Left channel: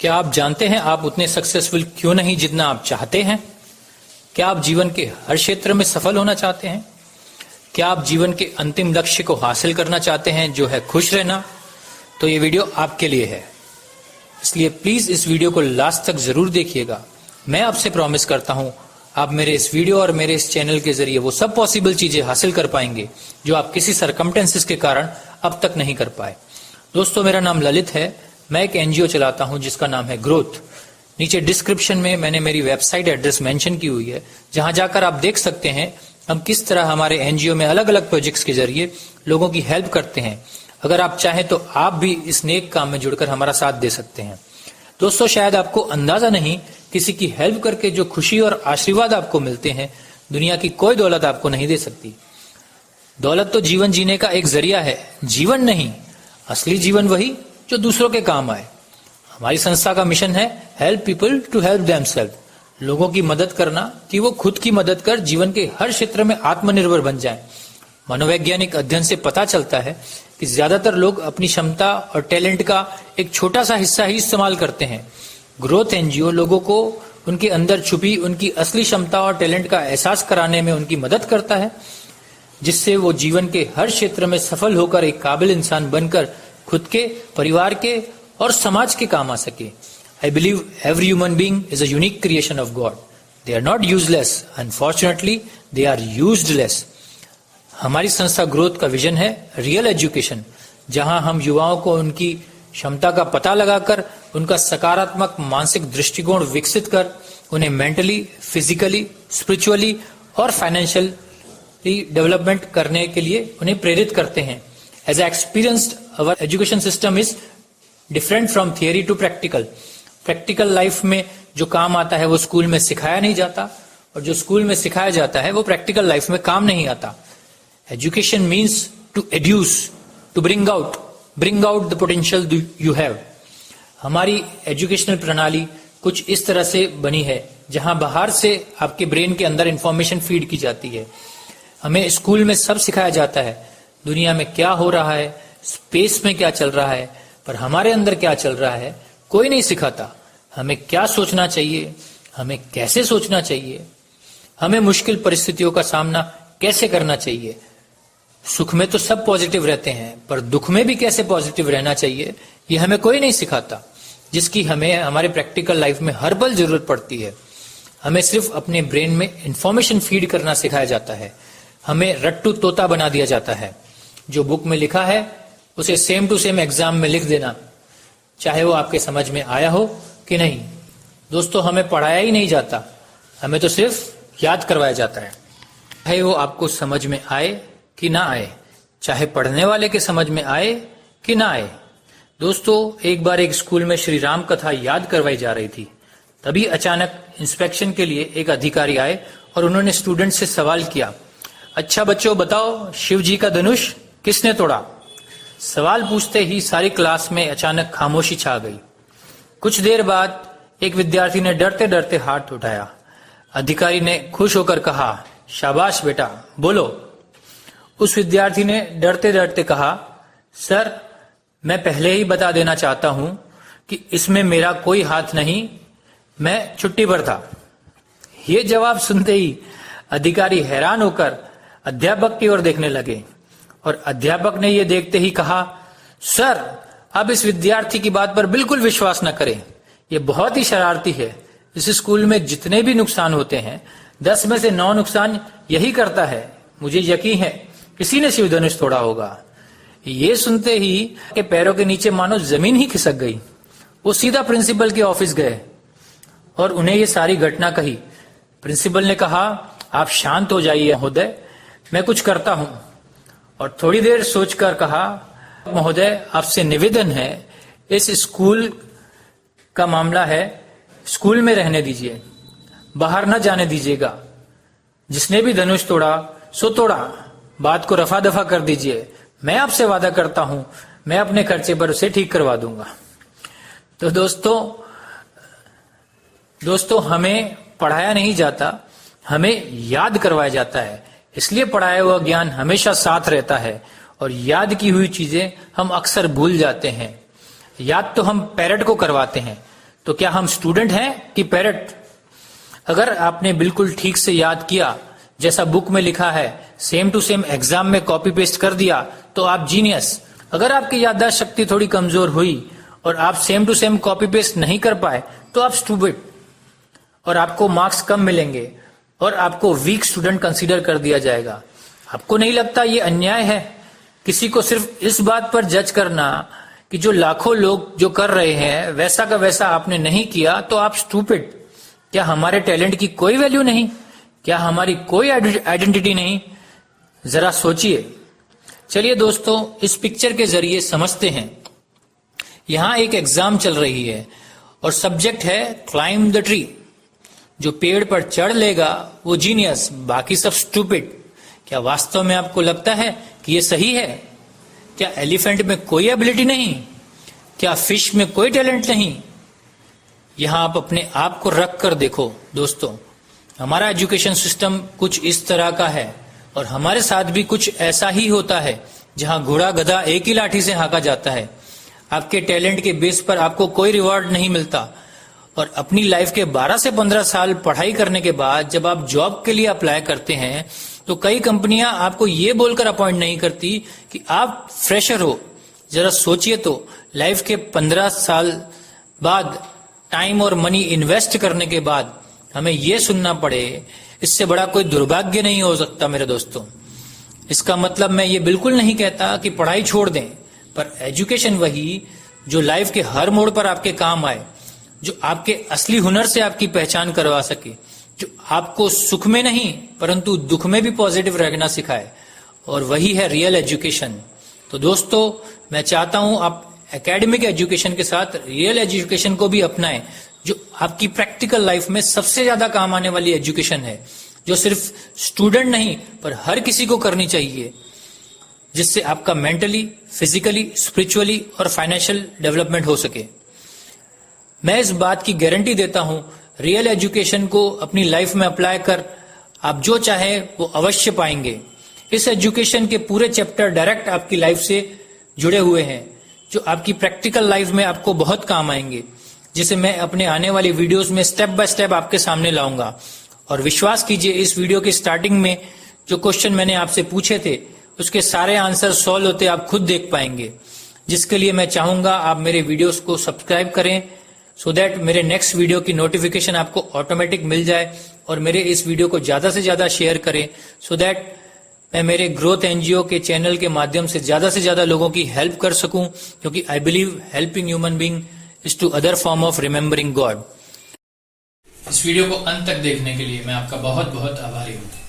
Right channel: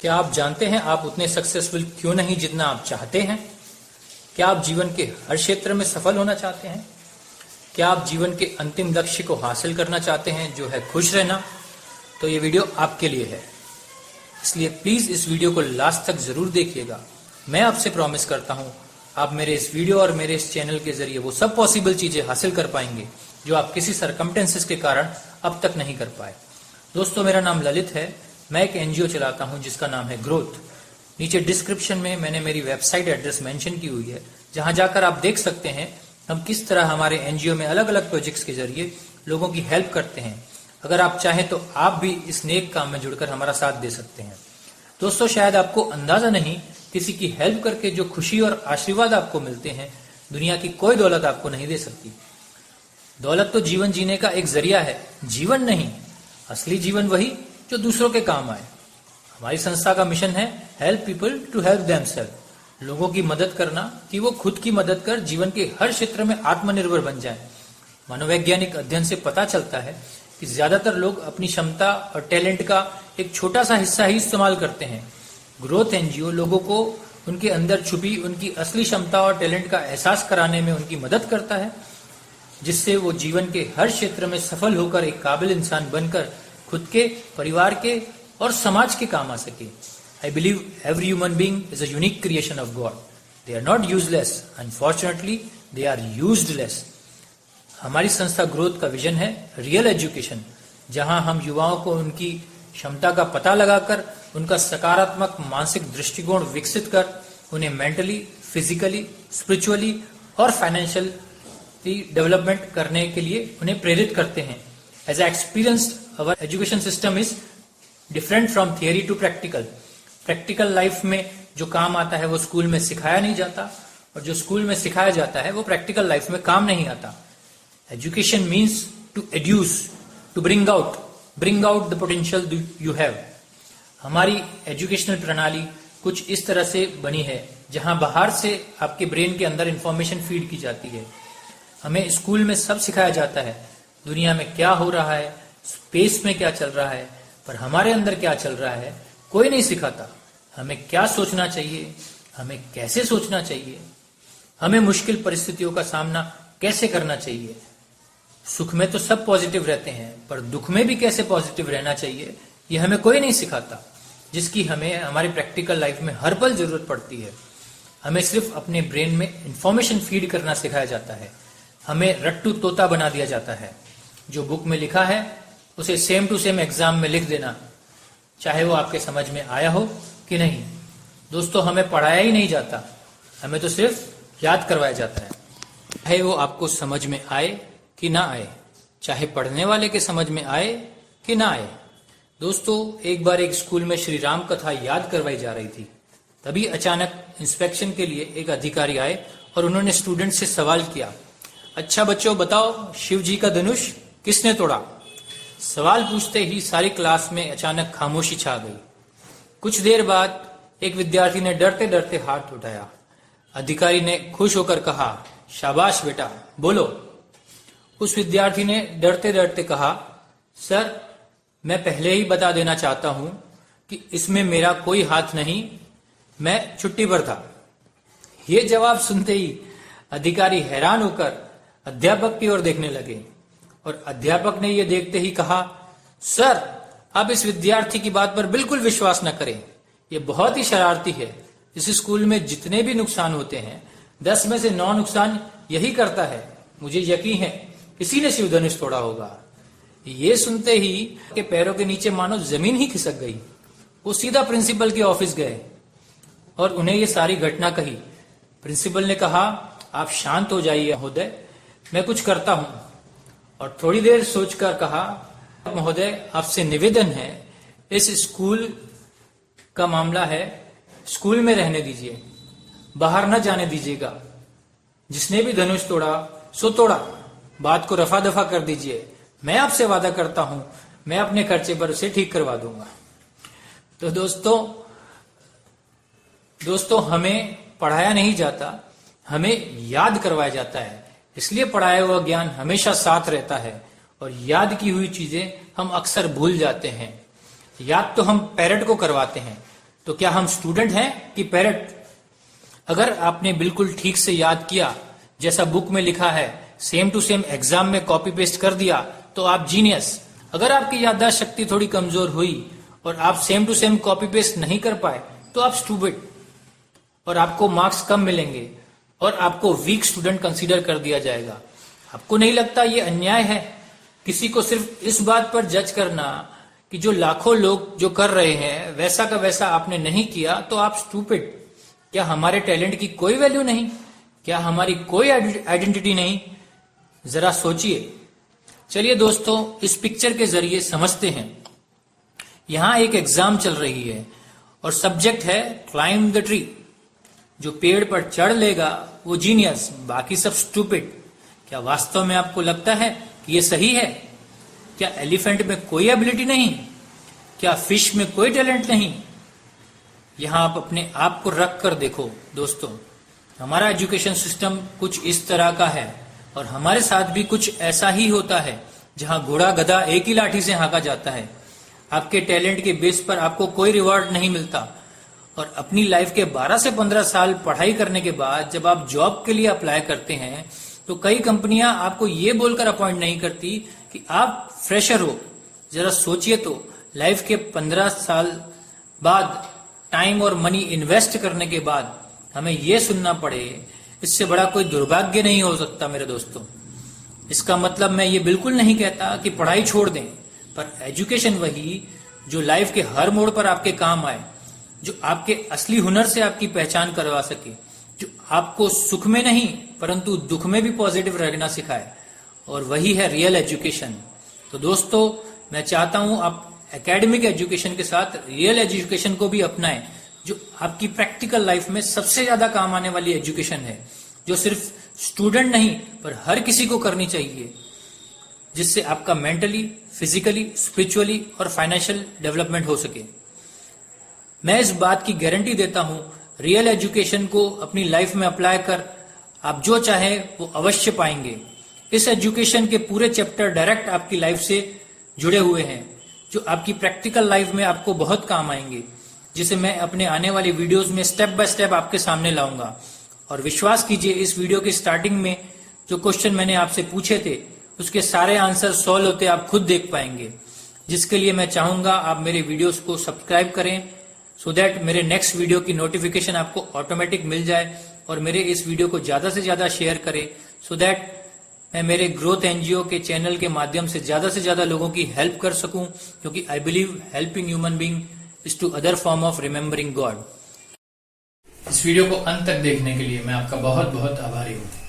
क्या आप जानते हैं आप उतने सक्सेसफुल क्यों नहीं जितना आप चाहते हैं? क्या आप जीवन के हर क्षेत्र में सफल होना चाहते हैं? क्या आप जीवन के अंतिम लक्ष्य को हासिल करना चाहते हैं जो है खुश रहना? तो ये वीडियो आपके लिए है, इसलिए प्लीज इस वीडियो को लास्ट तक जरूर देखिएगा। मैं आपसे प्रॉमिस करता हूं आप मेरे इस वीडियो और मेरे इस चैनल के जरिए वो सब पॉसिबल चीजें हासिल कर पाएंगे जो आप किसी सरकमटेंसेस के कारण अब तक नहीं कर पाए। दोस्तों, मेरा नाम ललित है। मैं एक एनजीओ चलाता हूं जिसका नाम है ग्रोथ। नीचे डिस्क्रिप्शन में मैंने मेरी वेबसाइट एड्रेस मेंशन की हुई है, जहां जाकर आप देख सकते हैं हम किस तरह हमारे एनजीओ में अलग अलग प्रोजेक्ट्स के जरिए लोगों की हेल्प करते हैं। अगर आप चाहें तो आप भी इस नेक काम में जुड़कर हमारा साथ दे सकते हैं। दोस्तों, शायद आपको अंदाजा नहीं, किसी की हेल्प करके जो खुशी और आशीर्वाद आपको मिलते हैं, दुनिया की कोई दौलत आपको नहीं दे सकती। दौलत तो जीवन जीने का एक जरिया है, जीवन नहीं। असली जीवन वही जो दूसरों के काम आए। हमारी संस्था का मिशन है help people to help themselves, लोगों की मदद करना कि वो खुद की मदद कर जीवन के हर क्षेत्र में आत्मनिर्भर बन जाएं। मनोवैज्ञानिक अध्ययन से पता चलता है कि ज्यादातर लोग अपनी क्षमता और टैलेंट का एक छोटा सा हिस्सा ही इस्तेमाल करते हैं। ग्रोथ एनजीओ लोगों को उनके अंदर छुपी उनकी असली क्षमता और टैलेंट का एहसास कराने में उनकी मदद करता है, जिससे वो जीवन के हर क्षेत्र में सफल होकर एक काबिल इंसान बनकर खुद के, परिवार के और समाज के काम आ सके। I believe every human being is a unique creation of God. They are not useless, unfortunately they are used less. हमारी संस्था ग्रोथ का विजन है रियल एजुकेशन, जहां हम युवाओं को उनकी क्षमता का पता लगाकर उनका सकारात्मक मानसिक दृष्टिकोण विकसित कर उन्हें मेंटली, फिजिकली, स्पिरिचुअली और फाइनेंशियली डेवलपमेंट करने के लिए उन्हें प्रेरित करते हैं। As I experienced, our education system is different from theory to practical. Practical life में जो काम आता है वो स्कूल में सिखाया नहीं जाता, और जो स्कूल में सिखाया जाता है वो प्रैक्टिकल लाइफ में काम नहीं आता। Education means to educe, to bring out the potential you have. हमारी एजुकेशनल प्रणाली कुछ इस तरह से बनी है जहां बाहर से आपके ब्रेन के अंदर इंफॉर्मेशन फीड की जाती है। हमें स्कूल में सब सिखाया जाता है, दुनिया में क्या हो रहा है, स्पेस में क्या चल रहा है, पर हमारे अंदर क्या चल रहा है कोई नहीं सिखाता। हमें क्या सोचना चाहिए, हमें कैसे सोचना चाहिए, हमें मुश्किल परिस्थितियों का सामना कैसे करना चाहिए। सुख में तो सब पॉजिटिव रहते हैं, पर दुख में भी कैसे पॉजिटिव रहना चाहिए ये हमें कोई नहीं सिखाता, जिसकी हमें हमारे प्रैक्टिकल लाइफ में हर पल जरूरत पड़ती है। हमें सिर्फ अपने ब्रेन में इंफॉर्मेशन फीड करना सिखाया जाता है। हमें रट्टू तोता बना दिया जाता है। जो बुक में लिखा है उसे सेम टू सेम एग्जाम में लिख देना, चाहे वो आपके समझ में आया हो कि नहीं। दोस्तों, हमें पढ़ाया ही नहीं जाता, हमें तो सिर्फ याद करवाया जाता है, चाहे वो आपको समझ में आए कि ना आए, चाहे पढ़ने वाले के समझ में आए कि ना आए। दोस्तों, एक बार एक स्कूल में श्री राम कथा याद करवाई जा रही थी। तभी अचानक इंस्पेक्शन के लिए एक अधिकारी आए और उन्होंने स्टूडेंट से सवाल किया, अच्छा बच्चों बताओ, शिव जी का धनुष किसने तोड़ा? सवाल पूछते ही सारी क्लास में अचानक खामोशी छा गई। कुछ देर बाद एक विद्यार्थी ने डरते डरते हाथ उठाया। अधिकारी ने खुश होकर कहा, शाबाश बेटा, बोलो। उस विद्यार्थी ने डरते डरते कहा, सर मैं पहले ही बता देना चाहता हूं कि इसमें मेरा कोई हाथ नहीं, मैं छुट्टी पर था। ये जवाब सुनते ही अधिकारी हैरान होकर अध्यापक की ओर देखने लगे, और अध्यापक ने यह देखते ही कहा, सर आप इस विद्यार्थी की बात पर बिल्कुल विश्वास न करें, यह बहुत ही शरारती है। इस स्कूल में जितने भी नुकसान होते हैं 10 में से 9 नुकसान यही करता है। मुझे यकीन है किसी ने शिव धनुष तोड़ा होगा। ये सुनते ही के पैरों के नीचे मानो जमीन ही खिसक गई। वो सीधा प्रिंसिपल के ऑफिस गए और उन्हें ये सारी घटना कही। प्रिंसिपल ने कहा, आप शांत हो जाइए महोदय, मैं कुछ करता हूं। और थोड़ी देर सोचकर कहा, महोदय आपसे निवेदन है, इस स्कूल का मामला है, स्कूल में रहने दीजिए, बाहर न जाने दीजिएगा। जिसने भी धनुष तोड़ा सो तोड़ा, बात को रफा दफा कर दीजिए। मैं आपसे वादा करता हूं मैं अपने खर्चे पर उसे ठीक करवा दूंगा। तो दोस्तों हमें पढ़ाया नहीं जाता, हमें याद करवाया जाता है। इसलिए पढ़ाया हुआ ज्ञान हमेशा साथ रहता है, और याद की हुई चीजें हम अक्सर भूल जाते हैं। याद तो हम पेरेंट को करवाते हैं, तो क्या हम स्टूडेंट हैं कि पैरट? अगर आपने बिल्कुल ठीक से याद किया, जैसा बुक में लिखा है, सेम टू सेम एग्जाम में कॉपी पेस्ट कर दिया, तो आप जीनियस। अगर आपकी याददाश्त शक्ति थोड़ी कमजोर हुई और आप same to same copy paste नहीं कर पाए, तो आप स्टूपिड और आपको मार्क्स कम मिलेंगे और आपको वीक स्टूडेंट कंसीडर कर दिया जाएगा। आपको नहीं लगता ये अन्याय है? किसी को सिर्फ इस बात पर जज करना कि जो लाखों लोग जो कर रहे हैं वैसा का वैसा आपने नहीं किया, तो आप स्टूपिड। क्या हमारे टैलेंट की कोई वैल्यू नहीं? क्या हमारी कोई आइडेंटिटी नहीं? जरा सोचिए। चलिए दोस्तों, इस पिक्चर के जरिए समझते हैं। यहां एक एग्जाम चल रही है और सब्जेक्ट है क्लाइंब द ट्री। जो पेड़ पर चढ़ लेगा वो जीनियस, बाकी सब स्टूपिड। क्या वास्तव में आपको लगता है कि ये सही है? क्या एलिफेंट में कोई एबिलिटी नहीं? क्या फिश में कोई टैलेंट नहीं? यहां आप अपने आप को रख कर देखो दोस्तों। हमारा एजुकेशन सिस्टम कुछ इस तरह का है और हमारे साथ भी कुछ ऐसा ही होता है, जहां घोड़ा गधा एक ही लाठी से हाँका जाता है। आपके टैलेंट के बेस पर आपको कोई रिवॉर्ड नहीं मिलता और अपनी लाइफ के 12 से 15 साल पढ़ाई करने के बाद जब आप जॉब के लिए अप्लाई करते हैं, तो कई कंपनियां आपको ये बोलकर अपॉइंट नहीं करती कि आप फ्रेशर हो। जरा सोचिए तो, लाइफ के 15 साल बाद टाइम और मनी इन्वेस्ट करने के बाद हमें यह सुनना पड़े, इससे बड़ा कोई दुर्भाग्य नहीं हो सकता मेरे दोस्तों। इसका मतलब मैं ये बिल्कुल नहीं कहता कि पढ़ाई छोड़ दें, पर एजुकेशन वही जो लाइफ के हर मोड़ पर आपके काम आए, जो आपके असली हुनर से आपकी पहचान करवा सके, जो आपको सुख में नहीं परंतु दुख में भी पॉजिटिव रहना सिखाए, और वही है रियल एजुकेशन। तो दोस्तों, मैं चाहता हूं आप एकेडमिक एजुकेशन के साथ रियल एजुकेशन को भी अपनाएं, जो आपकी प्रैक्टिकल लाइफ में सबसे ज्यादा काम आने वाली एजुकेशन है, जो सिर्फ स्टूडेंट नहीं पर हर किसी को करनी चाहिए, जिससे आपका मेंटली, फिजिकली, स्पिरिचुअली और फाइनेंशियल डेवलपमेंट हो सके। मैं इस बात की गारंटी देता हूं, रियल एजुकेशन को अपनी लाइफ में अप्लाई कर आप जो चाहे वो अवश्य पाएंगे। इस एजुकेशन के पूरे चैप्टर डायरेक्ट आपकी लाइफ से जुड़े हुए हैं, जो आपकी प्रैक्टिकल लाइफ में आपको बहुत काम आएंगे, जिसे मैं अपने आने वाली वीडियोस में स्टेप बाय स्टेप आपके सामने लाऊंगा। और विश्वास कीजिए, इस वीडियो के स्टार्टिंग में जो क्वेश्चन मैंने आपसे पूछे थे, उसके सारे आंसर सॉल्व होते आप खुद देख पाएंगे। जिसके लिए मैं चाहूंगा आप मेरे वीडियोस को सब्सक्राइब करें, सो दैट मेरे नेक्स्ट वीडियो की नोटिफिकेशन आपको ऑटोमेटिक मिल जाए, और मेरे इस वीडियो को ज्यादा से ज्यादा शेयर करें, सो दैट मैं मेरे ग्रोथ एनजीओ के चैनल के माध्यम से ज्यादा लोगों की हेल्प कर सकूं, क्योंकि I believe helping human being is to other form of remembering God. इस वीडियो को अंत तक देखने के लिए मैं आपका बहुत बहुत आभारी हूं।